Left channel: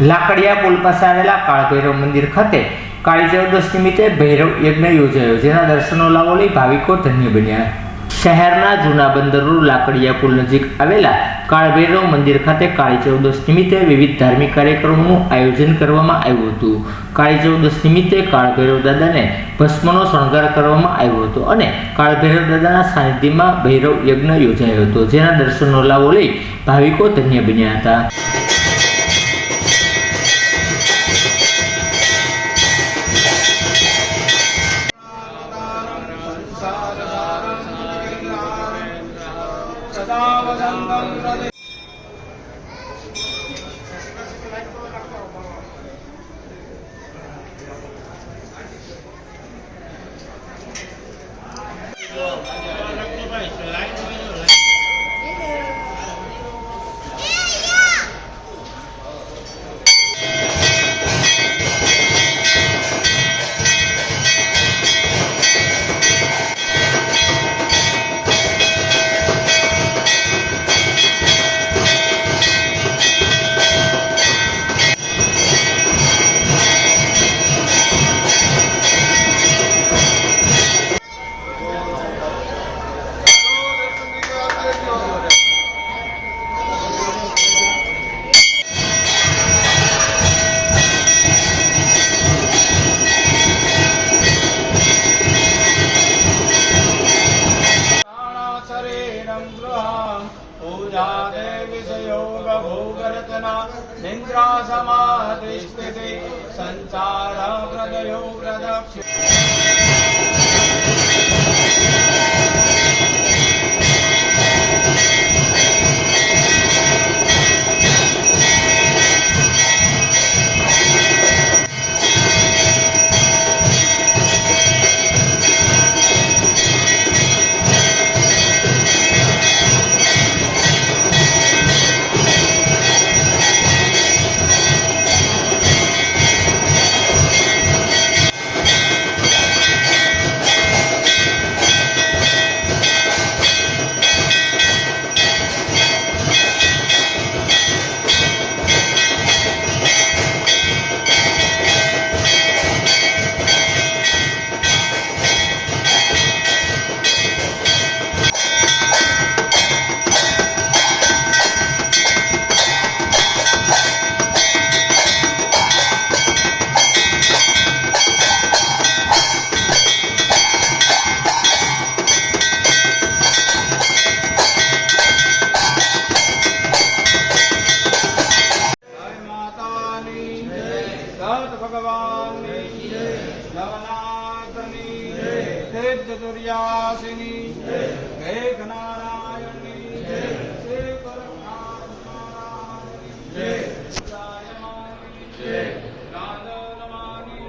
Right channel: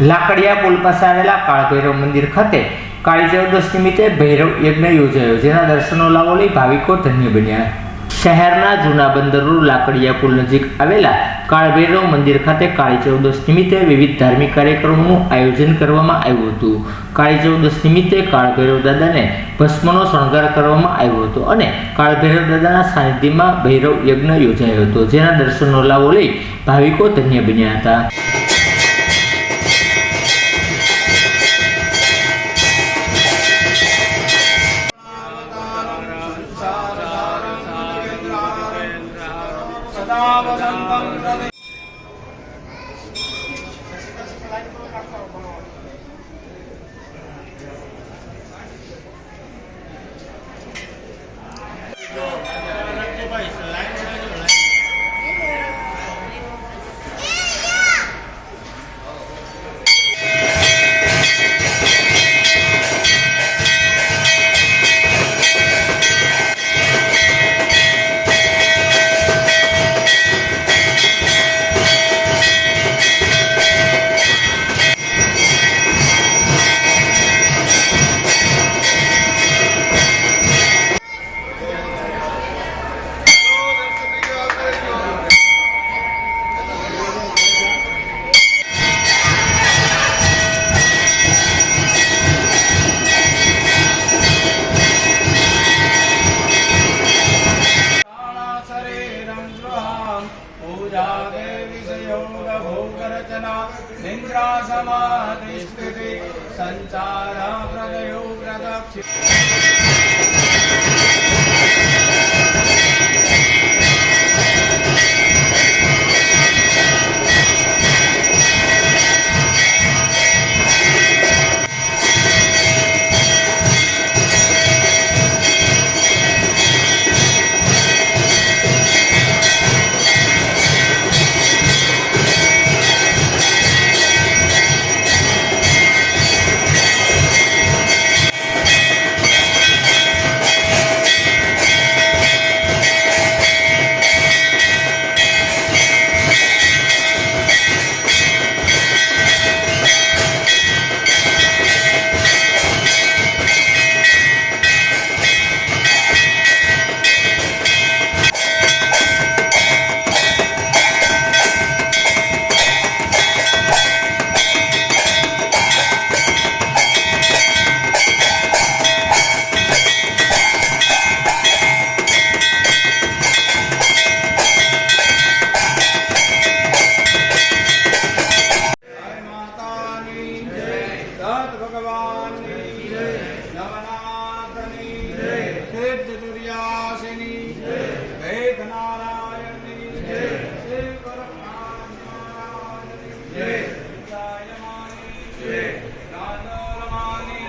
લાકડિયા પુલ પાસે આવેલા કાળભૈરવ મંદિર ખાતે કાળી ચૌદશ નિમિત્તે ભૈરવ યજ્ઞ યોજાયો, જેના દર્શનો લાવો લઈ ભાવિકો ધન્ય બન્યા. શહેરના જૂના બંદર રોડ લાકડિયા પુલ નજીક આવેલા કાળભૈરવ મંદિર ખાતે કાળી ચૌદશ નિમિત્તે વિવિધ ધાર્મિક કાર્યક્રમોનું આયોજન કરવામાં આવ્યું હતું. કાળી ચૌદશ નિમિત્તે કાળભૈરવ દાદાને ભસ્મનો શણગાર કરવામાં આવ્યો હતો અને કાળભૈરવ દાદાના સાનિધ્યમાં ભૈરવ યજ્ઞ યોજાયો હતો, જેના દર્શનનો લાવો લઈ ભાવિકો ધન્ય બન્યા હતા. सदा वसन्तं भोगरचना निन्द्रा समाधिस्थिति सञ्चार प्रदयो प्रदक्षि ગાંધોલમાની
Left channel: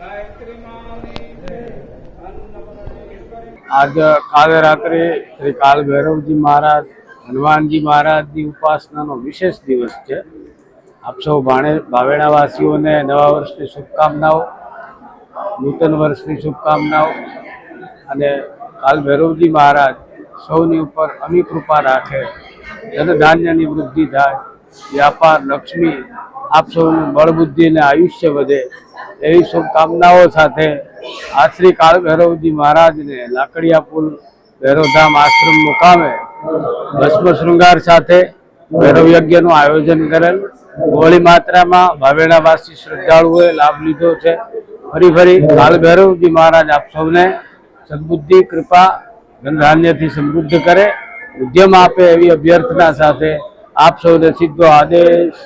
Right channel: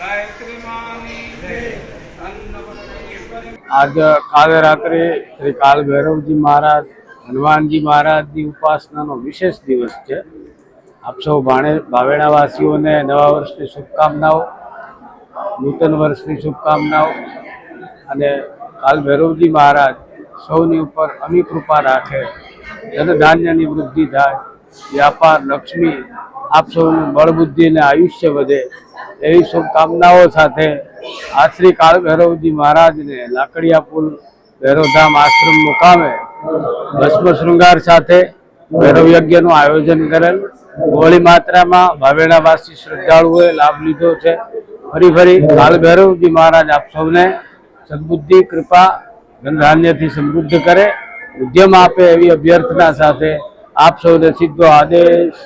ગાયત્રી માની અન્નપૂર્ણેશ્વરી આજ કાલે રાત્રે શ્રી કાલ ભૈરવજી મહારાજ, હનુમાનજી મહારાજની ઉપાસનાનો વિશેષ દિવસ છે. આપ સૌ ભાણે ભાવેણાવાસીઓને નવા વર્ષની શુભકામનાઓ. નૂતન વર્ષની શુભકામનાઓ અને કાલ ભૈરવજી મહારાજ સૌની ઉપર અમી કૃપા રાખે ધનધાન્યની વૃદ્ધિ થાય, વ્યાપાર, લક્ષ્મી, આપ સૌનું બળબુદ્ધિ અને આયુષ્ય વધે એવી શુભકામનાઓ સાથે આ શ્રી કાળ ભૈરવજી મહારાજને લાકડિયા પુલ ભૈરવધામ આશ્રમ મુકામે ભસ્મ શૃંગાર સાથે ભૈરવ યજ્ઞનું આયોજન કરેલ. બહોળી માત્રામાં ભાવેણાવાસી શ્રદ્ધાળુઓએ લાભ લીધો છે. ફરી ફરી કાળ ભૈરવજી મહારાજ આપ સૌને સદબુદ્ધિ, કૃપા ધનધાન્યથી સમૃદ્ધ કરે. ઉદ્યમ આપે એવી અભ્યર્થના સાથે આપ સૌને સીધો આદેશ